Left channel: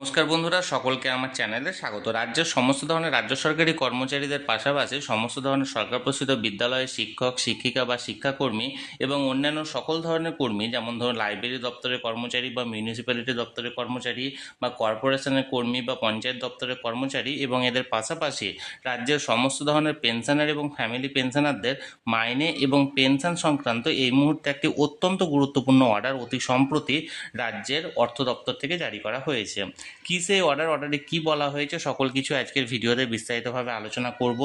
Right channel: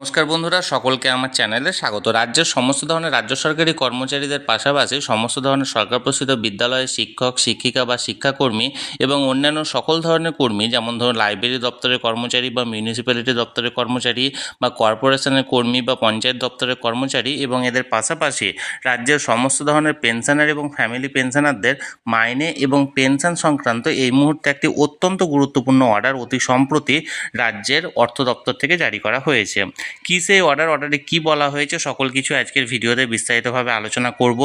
নমস্কার বন্ধুরা, সকলকে আমার চ্যানেলে স্বাগত। রাজ্যের সমস্ত ধরনের রাজ্য সরকারি কর্মচারীদের পাশাপাশি সমস্ত ধরনের সরকার প্রসিদ্ধ বিদ্যালয়ের শিক্ষক, শিক্ষিকা বা শিক্ষাকর্মী এবং অন্যান্য সকল ধরনের কর্মী, যেমন ধরুন লাইব্রেরি দপ্তরের কর্মচারী বা মিউনিসিপ্যালিটি দপ্তরের কর্মচারী বা কর্পোরেশনের কর্মী বা পঞ্চায়েত দপ্তরের কর্মচারী এবং এদের পাশাপাশি রাজ্যের সমস্ত ধরনের পেনশনার এবং ফ্যামিলি পেনশনারদের মাইনে এবং পেনশন সংক্রান্ত এই মুহূর্তে একটি অত্যন্ত গুরুত্বপূর্ণ অর্ডার অতি সম্প্রতি রাজ্যের অর্থ দপ্তর থেকে জারি করা হয়েছে। কী সেই অর্ডার অর্ডারে কী বলা হয়েছে, সকল কিছু আজকের ভিডিওতে বিস্তারিতভাবে আলোচনা করব।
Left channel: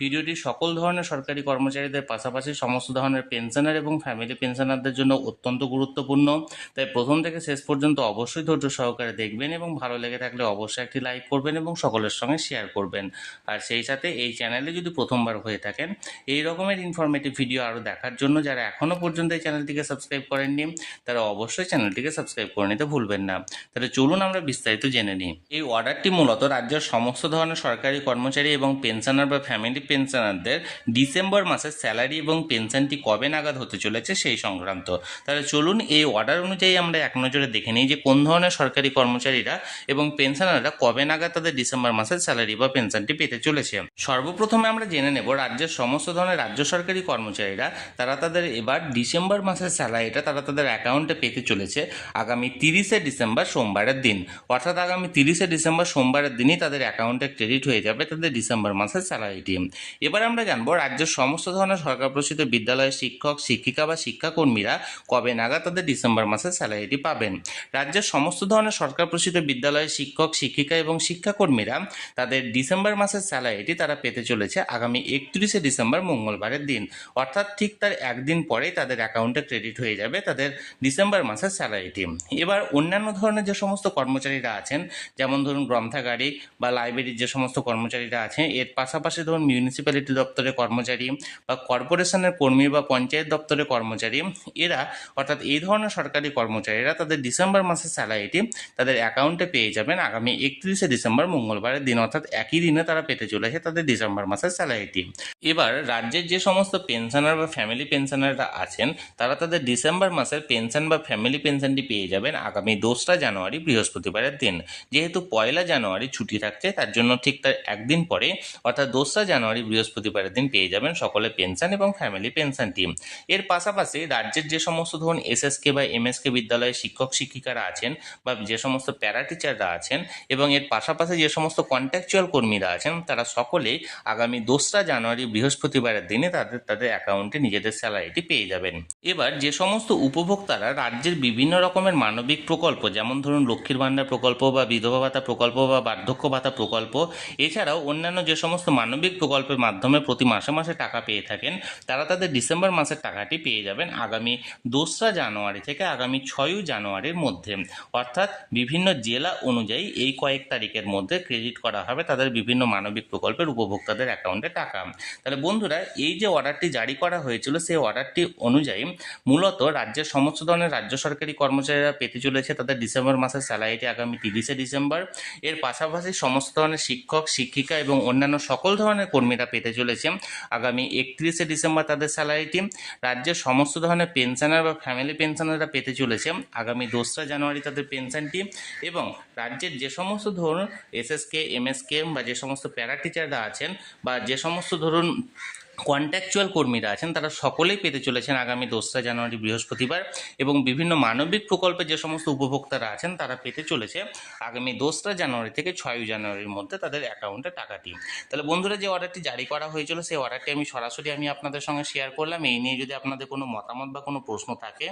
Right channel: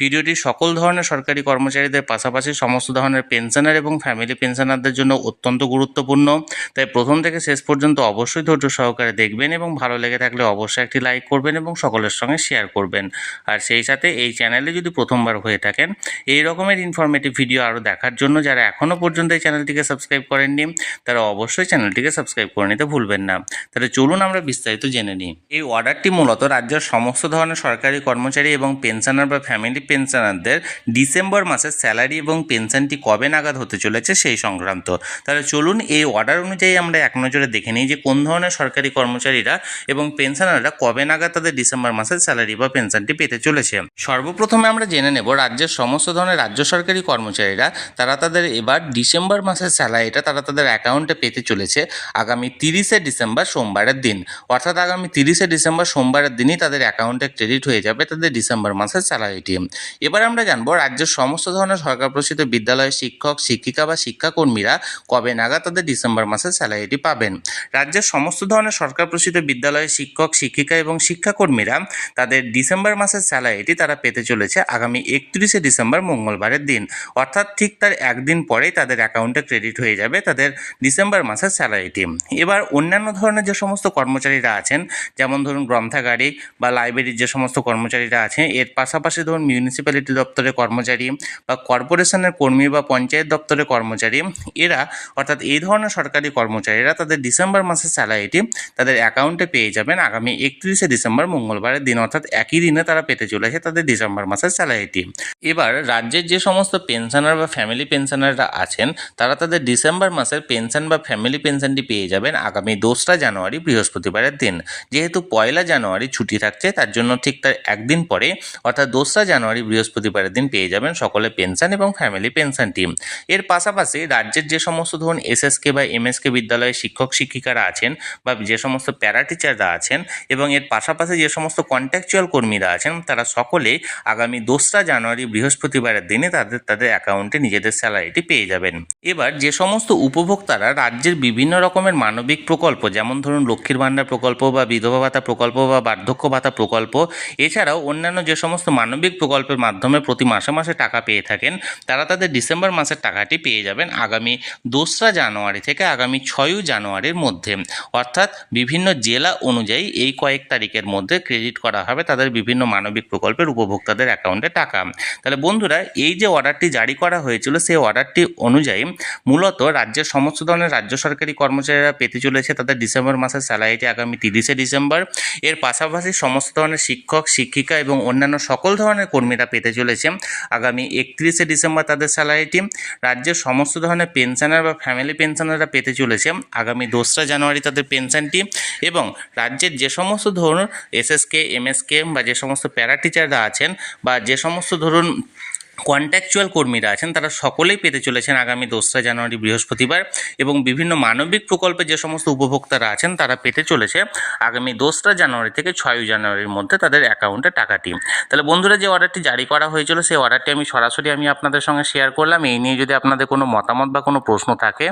ভিডিওটি সকল ধরনের সরকারি কর্মচারীদের পাশাপাশি সমস্ত ধরনের পেনশনার এবং ফ্যামিলি পেনশনারদের জন্য অত্যন্ত গুরুত্বপূর্ণ। তাই প্রথম থেকে শেষ পর্যন্ত অবশ্যই ধৈর্য সহকারে দেখবেন এবং ভালো লেগে থাকলে অবশ্যই একটি লাইক করবেন এবং সকলের সঙ্গে শেয়ার করবেন। আর সেই সাথে এই চ্যানেলে যদি প্রথমবার হয়ে থাকেন, এই রকমের ইনফরমেটিভ ভিডিও আরও দেখার জন্য যারা এখনও পর্যন্ত এই চ্যানেলটিকে সাবস্ক্রাইব করেননি, তারা অবশ্যই চ্যানেলটিকে সাবস্ক্রাইব করে নিতে ভুলবেন না। তাহলে চলুন আমরা বিস্তারিত জেনে নিই। এই অর্ডারটি মূলত রাজ্যের সমস্ত ধরনের সরকারি কর্মচারী এবং পেনশনার বা ফ্যামিলি পেনশনারদের ডিসেম্বর মাসের স্যালারি এবং পেনশনটি কবে নাগাদ হতে চলেছে সেই সংক্রান্ত। তাহলে চলুন এই অর্ডার অনুযায়ী আমরা এক নজরে দেখে নিই যে কোন ধরনের সরকারি কর্মচারীরা এবং পেনশনাররা কবে নাগাদ তাদের ডিসেম্বর মাসের স্যালারি বা পেনশনটি পেতে চলেছে। সর্বপ্রথমে আমরা জেনে নেব রাজ্যের সমস্ত ধরনের রাজ্য সরকারি কর্মচারীরা তারা তাদের এবার ডিসেম্বর মাসের স্যালারিটা তারা তাদের অ্যাকাউন্টে পেতে চলেছে আগামী তিরিশে ডিসেম্বর সোমবারের দিন। অর্থাৎ আগামী তিরিশে ডিসেম্বর সোমবারের দিনই তাদের অ্যাকাউন্টে ক্রেডিট হয়ে যাবে তাদের ডিসেম্বর মাসের স্যালারিটি এবার আমরা জানব রাজ্যের সমস্ত ধরনের সরকার প্রসিদ্ধ বিদ্যালয়ের শিক্ষক, শিক্ষিকা বা শিক্ষাকর্মীরা কবে নাগাদ তাদের ডিসেম্বর মাসের স্যালারিটি পাবেন। রাজ্যের সমস্ত ধরনের সরকার প্রসিদ্ধ বিদ্যালয়ের শিক্ষক, শিক্ষিকা এবং শিক্ষাকর্মীরা তাদের ডিসেম্বর মাসের স্যালারিটি তারা পেতে চলেছে আগামী একত্রিশে ডিসেম্বর মঙ্গলবারের দিন। অর্থাৎ ঠিক তার একদিন পরেই তাদের অ্যাকাউন্টে ক্রেডিট হয়ে যাবে তাদের ডিসেম্বর মাসের স্যালারিটি এবার অন্যান্য ধরনের যে সমস্ত কর্মচারীরা আছেন। যেমন ধরুন গ্রন্থাগারিক বা লাইব্রেরির যে সমস্ত কর্মচারীরা আছেন, এর পাশাপাশি ধরুন মিউনিসিপ্যালিটি দপ্তরের কর্মচারী বা কর্পোরেশনের কর্মী বা পঞ্চায়েত দপ্তরের কর্মচারী, এরা অর্থাৎ এই ধরনের সরকারি কর্মচারীরা তাদের ডিসেম্বর মাসের স্যালারিটি তাদের অ্যাকাউন্টে পেয়ে যাবেন আগামী একত্রিশে ডিসেম্বর মঙ্গলবারের দিন। অর্থাৎ একই দিনে তারা পেতে চলেছে তাদের ডিসেম্বর মাসের স্যালারিটি এবার রাজ্যের যে সমস্ত পেনশনার বা ফ্যামিলি পেনশনাররা আছেন, তারা তাদের ডিসেম্বর মাসের পেনশন বা ফ্যামিলি পেনশনটি পেয়ে যাবেন আগামী দোসরা জানুয়ারি বৃহস্পতিবারের দিন। যেহেতু পয়লা জানুয়ারি ছুটি থাকছে, তার জন্য ঠিক তার একদিন পরে, অর্থাৎ দোসরা জানুয়ারি বৃহস্পতিবারের দিন পেয়ে যাবেন সকলে পেনশন এবং ফ্যামিলি পেনশন টিম এর পাশাপাশি রাজ্যের যে সমস্ত ধরুন এসএসকে বা এমএসকে বিদ্যালয়ের শিক্ষক শিক্ষিকারা আছেন বা যে সমস্ত প্যারা টিচাররা আছেন এবং এর পাশাপাশি যে সমস্ত কন্ট্যাকচুয়াল কর্মীরা আছেন, তারা সকলেই আগামী দোসরা জানুয়ারি বৃহস্পতিবারের দিনে তাদের তাদের অ্যাকাউন্টে নিজেদের স্যালারিটি পেয়ে যাবেন। এবার যে সমস্ত উপভোক্তারা রাজ্যের বিভিন্ন রকমের মানবিক প্রকল্প, যেমন ধরুন লক্ষ্মীর ভাণ্ডার প্রকল্প বা বিধবা ভাতা প্রকল্প বা বার্ধক্য ভাতা প্রকল্প, এছাড়াও অন্যান্য যে সমস্ত মানবিক প্রকল্পের মাধ্যমে প্রতি মাসে মাসে টাকা পেয়ে থাকেন, তারা তাদের ডিসেম্বর মাসের টাকাটি পেয়ে যাবেন আগামী দোসরা জানুয়ারি থেকে আগামী ছয়ই জানুয়ারির মধ্যে। অর্থাৎ বিভিন্ন জেলা অনুযায়ী এই কয়েক তারিখের মধ্যে ক্রেডিট করা হবে তাদের বিভিন্ন মানবিক প্রকল্পের উপভোক্তাদের অ্যাকাউন্টে টাকা। তাহলে বন্ধুরা, এই যে অর্ডারটি জারি করা হয়েছিল, সেই অর্ডারটি অনুযায়ী মূলত রাজ্যের সমস্ত ধরনের রাজ্য সরকারি কর্মচারীরা পেতে চলেছে তাদের ডিসেম্বর মাসের স্যালারিটি আগামী তিরিশে ডিসেম্বর। এর পাশাপাশি সমস্ত ধরনের শিক্ষক, শিক্ষিকা এবং অন্যান্য সকল ধরনের কর্মীরা পেতে চলেছে। আগামী একত্রিশে ডিসেম্বর তাদের স্যালারিটি। রাজ্যের সমস্ত ধরনের পেনশনার বা ফ্যামিলি পেনশনাররা পেতে চলেছে। আগামী দোসরা জানুয়ারি তাদের পেনশনটি এবং রাজ্যের যে সমস্ত ধরুন এসএসকে, এমএসকে বা যে সমস্ত প্যারা টিচাররা আছেন বা যে সমস্ত ধরুন কন্ট্যাকচুয়াল কর্মীরা আছেন, তারা সকলেই পেতে চলেছেন আগামী দোসরা জানুয়ারি বৃহস্পতিবার এবং বিভিন্ন মানবিক প্রকল্পে যে সমস্ত উপভোক্তারা আছেন, তারা পেতে চলেছে আগামী দোসরা জানুয়ারি থেকে ছয়ই জানুয়ারির মধ্যে তাদের অ্যাকাউন্টে টাকাটি। তাহলে বন্ধুরা, যে অর্ডারটি জারি করা হয়েছিল, সেই অর্ডারটি আমি সরাসরি আমি আপনাদের সঙ্গে শেয়ার করলাম। এই নিয়ে যদি আপনাদের কোনো মতামত বা কোনো প্রশ্ন থাকে,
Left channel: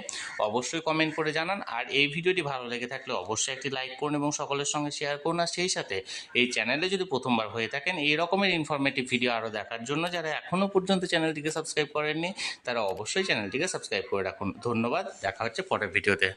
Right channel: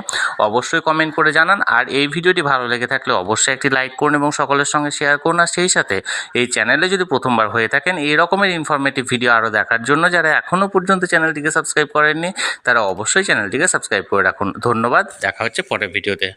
অবশ্যই কমেন্ট করে জানান। আর এই ভিডিওটি ভালো লেগে থাকলে অবশ্যই একটি লাইক করুন এবং সকলের সঙ্গে শেয়ার করুন। আর সেই সাথে এই চ্যানেলে যদি প্রথমবার হয়ে থাকেন, এই রকমের ইনফরমেটিভ ভিডিও আরও দেখার জন্য, যারা এখনও পর্যন্ত চ্যানেলটিকে সাবস্ক্রাইব করেননি, তারা অবশ্যই চ্যানেলটিকে সাবস্ক্রাইব করে রাখুন। ধন্যবাদ, দেখা হচ্ছে পরের ভিডিওতে।